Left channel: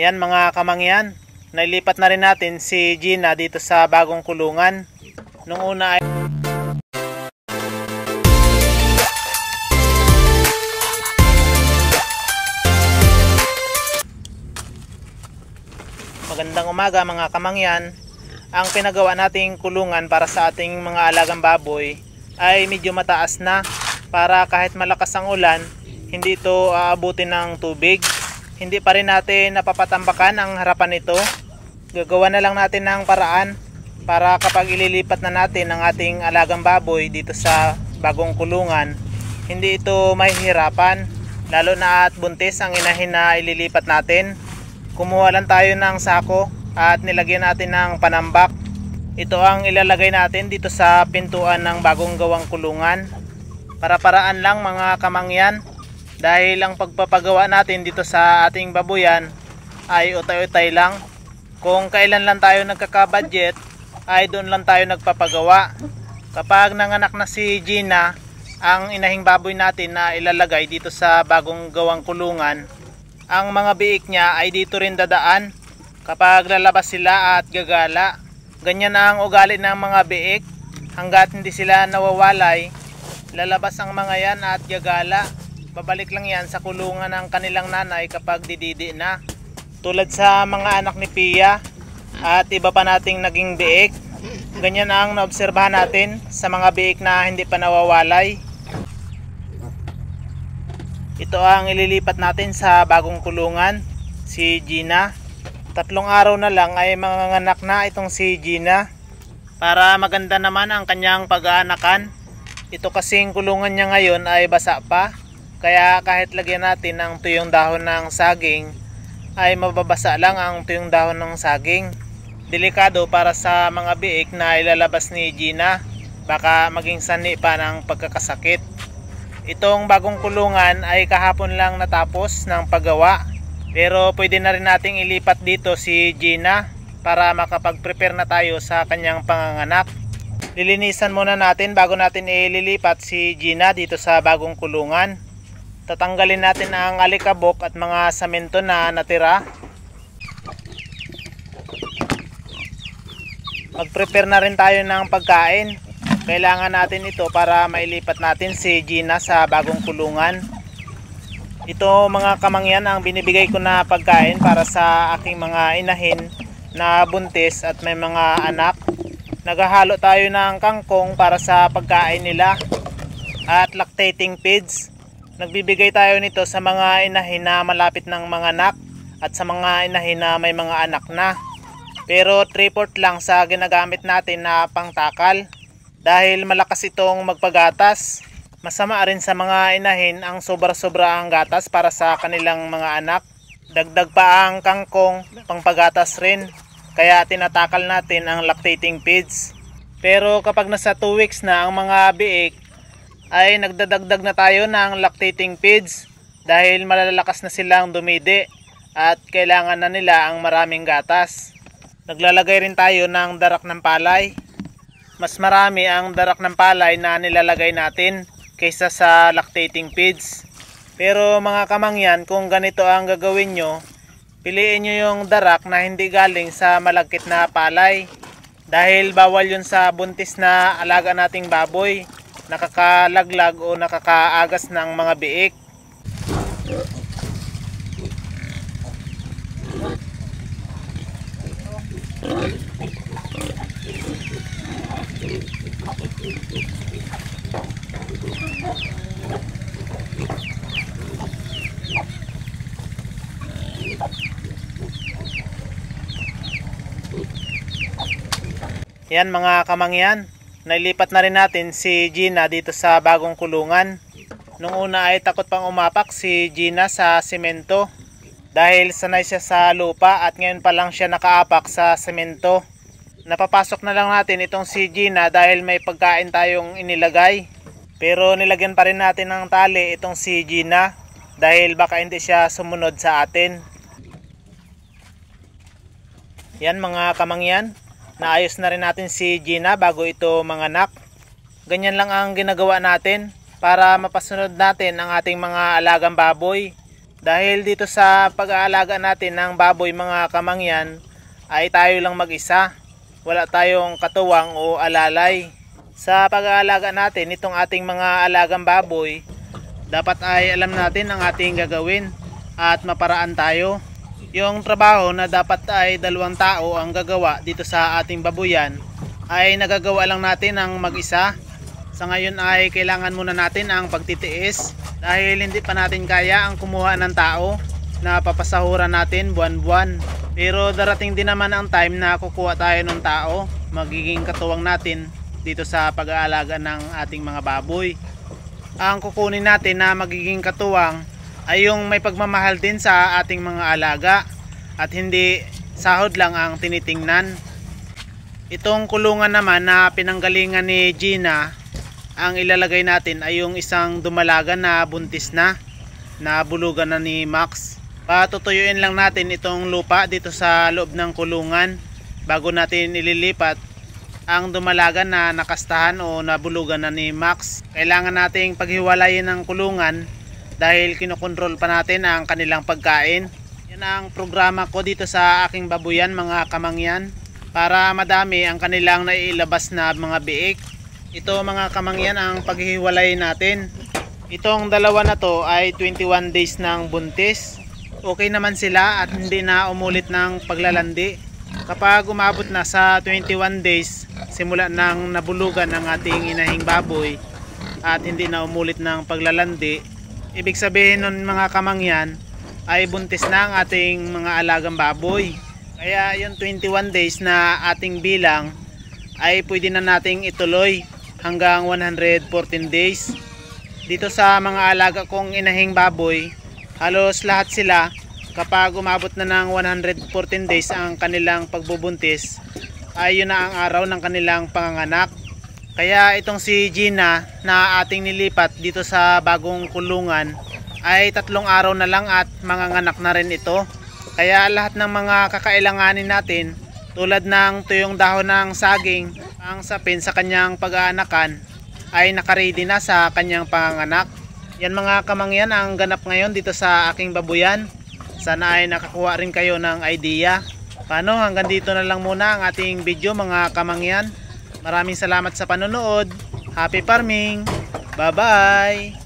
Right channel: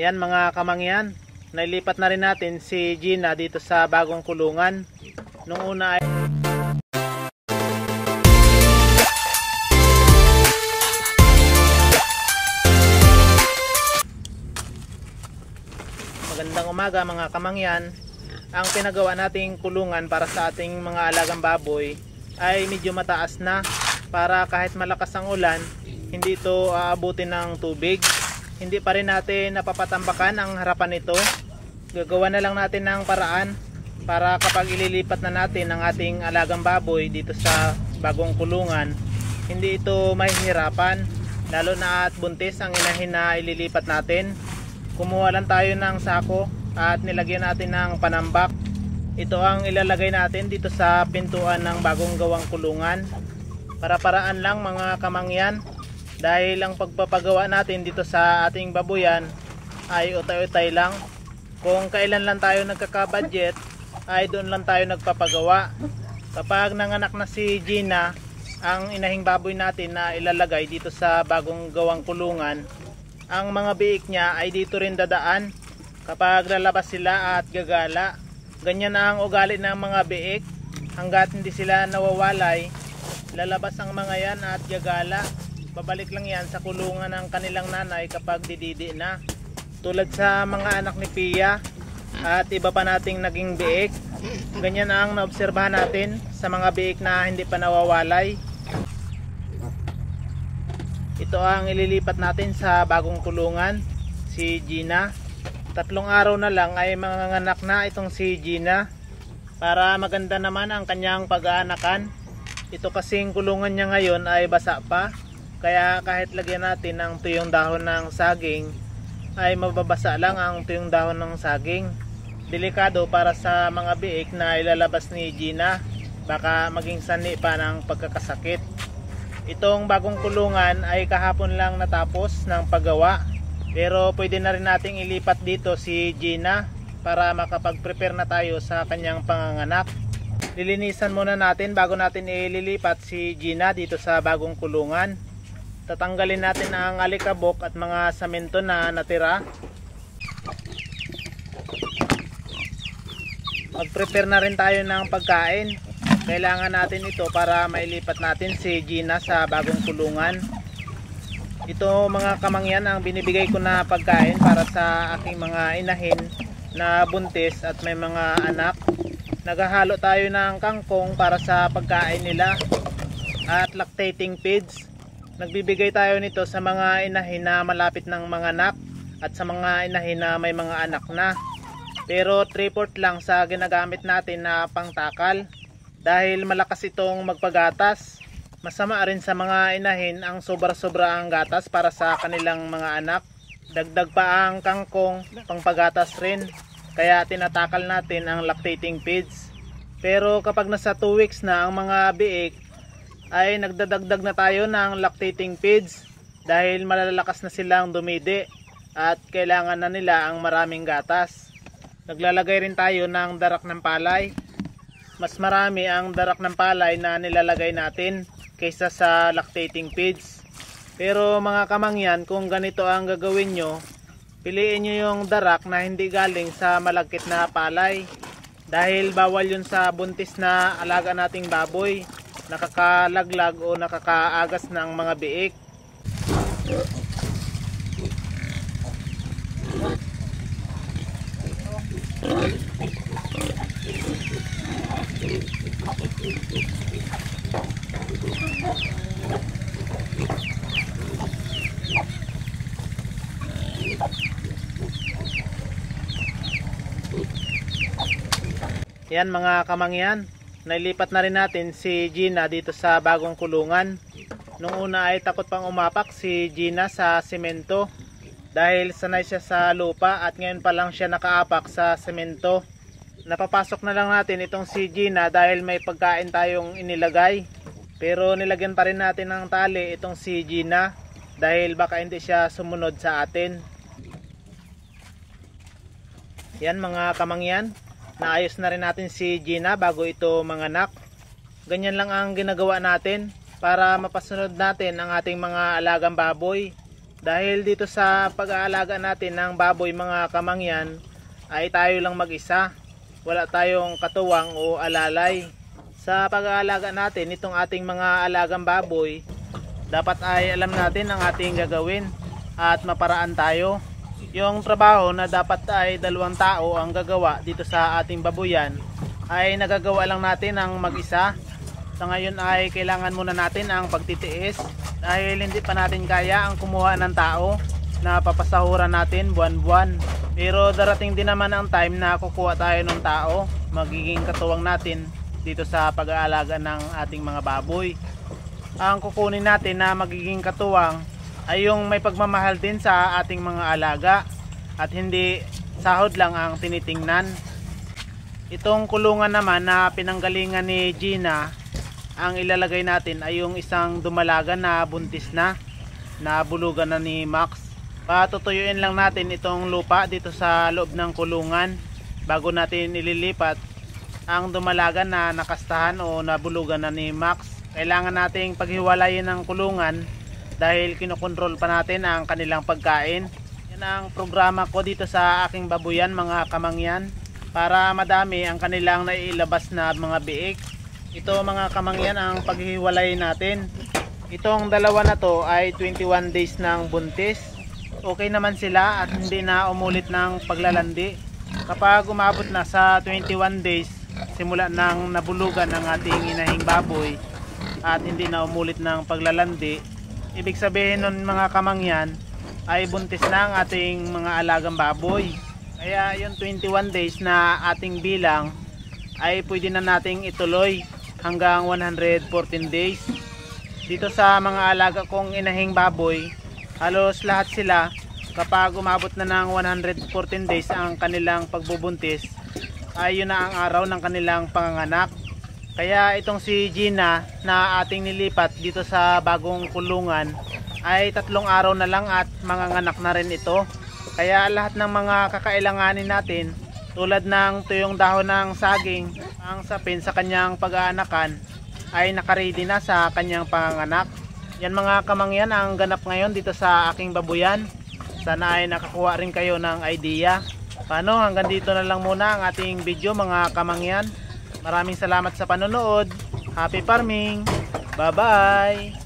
Yan mga kamangyan, nailipat na rin natin si Gina dito sa bagong kulungan. Nung una ay magandang umaga mga kamangyan. Ang pinagawa nating kulungan para sa ating mga alagang baboy ay medyo mataas na para kahit malakas ang ulan, hindi ito aabutin ng tubig. Hindi pa rin natin napapatambakan ang harapan nito. Gagawa na lang natin ng paraan para kapag ililipat na natin ang ating alagang baboy dito sa bagong kulungan, hindi ito mahihirapan, lalo na at buntis ang inahin na ililipat natin. Kumuha lang tayo ng sako at nilagyan natin ng panambak. Ito ang ilalagay natin dito sa pintuan ng bagong gawang kulungan. Para-paraan lang mga kamangyan, dahil ang pagpapagawa natin dito sa ating babuyan ay utay-utay lang. Kung kailan lang tayo nagkaka-budget ay doon lang tayo nagpapagawa. Kapag nanganak na si Gina, ang inahing baboy natin na ilalagay dito sa bagong gawang kulungan, ang mga biik niya ay dito rin dadaan kapag lalabas sila at gagala. Ganyan ang ugali ng mga biik. Hanggat hindi sila nawawalay, lalabas ang mga yan at gagala. Babalik lang yan sa kulungan ng kanilang nanay kapag dididi na. Tulad sa mga anak ni Pia at iba pa nating naging biik. Ganyan ang naobserbahan natin sa mga biik na hindi pa nawawalay. Ito ang ililipat natin sa bagong kulungan, si Gina. 3 araw na lang ay manganganak na itong si Gina. Para maganda naman ang kanyang pag-aanakan. Ito kasing kulungan niya ngayon ay basa pa. Kaya kahit lagyan natin ng tuyong dahon ng saging, ay mababasa lang ang tuyong dahon ng saging. Delikado para sa mga biik na ilalabas ni Gina. Baka maging sanhi pa ng pagkakasakit. Itong bagong kulungan ay kahapon lang natapos ng paggawa. Pero pwede na rin nating ilipat dito si Gina para makapag-prepare na tayo sa kanyang panganganak. Lilinisan muna natin bago natin ililipat si Gina dito sa bagong kulungan. Tatanggalin natin ang alikabok at mga semento na natira. Mag-prepare na rin tayo ng pagkain. Kailangan natin ito para mailipat natin si Gina sa bagong kulungan. Ito mga kamangyan ang binibigay ko na pagkain para sa aking mga inahin na buntis at may mga anak. Naghahalo tayo ng kangkong para sa pagkain nila at lactating feeds. Nagbibigay tayo nito sa mga inahin na malapit ng mga anak at sa mga inahin na may mga anak na. Pero 3/4 lang sa ginagamit natin na pangtakal dahil malakas itong magpagatas. Masama rin sa mga inahin ang sobra-sobra ang gatas para sa kanilang mga anak. Dagdag pa ang kangkong, pangpagatas rin. Kaya tinatakal natin ang lactating feeds. Pero kapag nasa 2 weeks na ang mga biik, ay nagdadagdag na tayo ng lactating feeds dahil malalakas na silang dumidi at kailangan na nila ang maraming gatas. Naglalagay rin tayo ng darak ng palay. Mas marami ang darak ng palay na nilalagay natin kaysa sa lactating feeds. Pero mga kamangyan, kung ganito ang gagawin nyo, piliin nyo yung darak na hindi galing sa malagkit na palay dahil bawal yun sa buntis na alaga nating baboy, nakakalaglag o nakakaagas ng mga biik. Yan mga kamangyan, nailipat na rin natin si Gina dito sa bagong kulungan. Nung una ay takot pang umapak si Gina sa semento dahil sanay siya sa lupa at ngayon pa lang siya nakaapak sa semento. Napapasok na lang natin itong si Gina dahil may pagkain tayong inilagay. Pero nilagyan pa rin natin ng tali itong si Gina dahil baka hindi siya sumunod sa atin. Yan mga kamangyan, naayos na rin natin si Gina bago ito manganak. Ganyan lang ang ginagawa natin para mapasunod natin ang ating mga alagang baboy. Dahil dito sa pag-aalaga natin ng baboy mga kamangyan ay tayo lang mag-isa. Wala tayong katuwang o alalay. Sa pag-aalaga natin itong ating mga alagang baboy, dapat ay alam natin ang ating gagawin at maparaan tayo. Yung trabaho na dapat ay 2 tao ang gagawa dito sa ating babuyan ay nagagawa lang natin ang mag-isa. Sa ngayon ay kailangan muna natin ang pagtitiis dahil hindi pa natin kaya ang kumuha ng tao na papasahuran natin buwan-buwan. Pero darating din naman ang time na kukuha tayo ng tao, magiging katuwang natin dito sa pag-aalaga ng ating mga baboy. Ang kukunin natin na magiging katuwang ay yung may pagmamahal din sa ating mga alaga at hindi sahod lang ang tinitingnan. Itong kulungan naman na pinanggalingan ni Gina, ang ilalagay natin ay yung isang dumalagan na buntis na bulugan na ni Max. Patutuyuin lang natin itong lupa dito sa loob ng kulungan bago natin ililipat ang dumalagan na nakastahan o nabulugan na ni Max. Kailangan nating paghiwalayin ng kulungan dahil kinokontrol pa natin ang kanilang pagkain. Yan ang programa ko dito sa aking babuyan mga kamangyan, para madami ang kanilang naiilabas na mga biik. Ito mga kamangyan ang paghiwalayin natin. Itong dalawa na to ay 21 days ng buntis. Okay naman sila at hindi na umulit ng paglalandi. Kapag umabot na sa 21 days simula nang nabulugan ang ating inahing baboy at hindi na umulit ng paglalandi, ibig sabihin nun mga kamangyan ay buntis na ang ating mga alagang baboy. Kaya yung 21 days na ating bilang ay pwede na nating ituloy hanggang 114 days. Dito sa mga alaga kong inahing baboy, halos lahat sila kapag umabot na ng 114 days ang kanilang pagbubuntis ay yun na ang araw ng kanilang panganganak. Kaya itong si Gina na ating nilipat dito sa bagong kulungan ay 3 araw na lang at manganganak na rin ito. Kaya lahat ng mga kakailanganin natin tulad ng tuyong dahon ng saging, ang sapin sa kanyang pag-aanakan ay nakaready na sa kanyang panganganak. Yan mga kamangyan ang ganap ngayon dito sa aking babuyan. Sana ay nakakuha rin kayo ng idea. Paano, hanggang dito na lang muna ang ating video mga kamangyan. Maraming salamat sa panonood. Happy farming! Bye bye!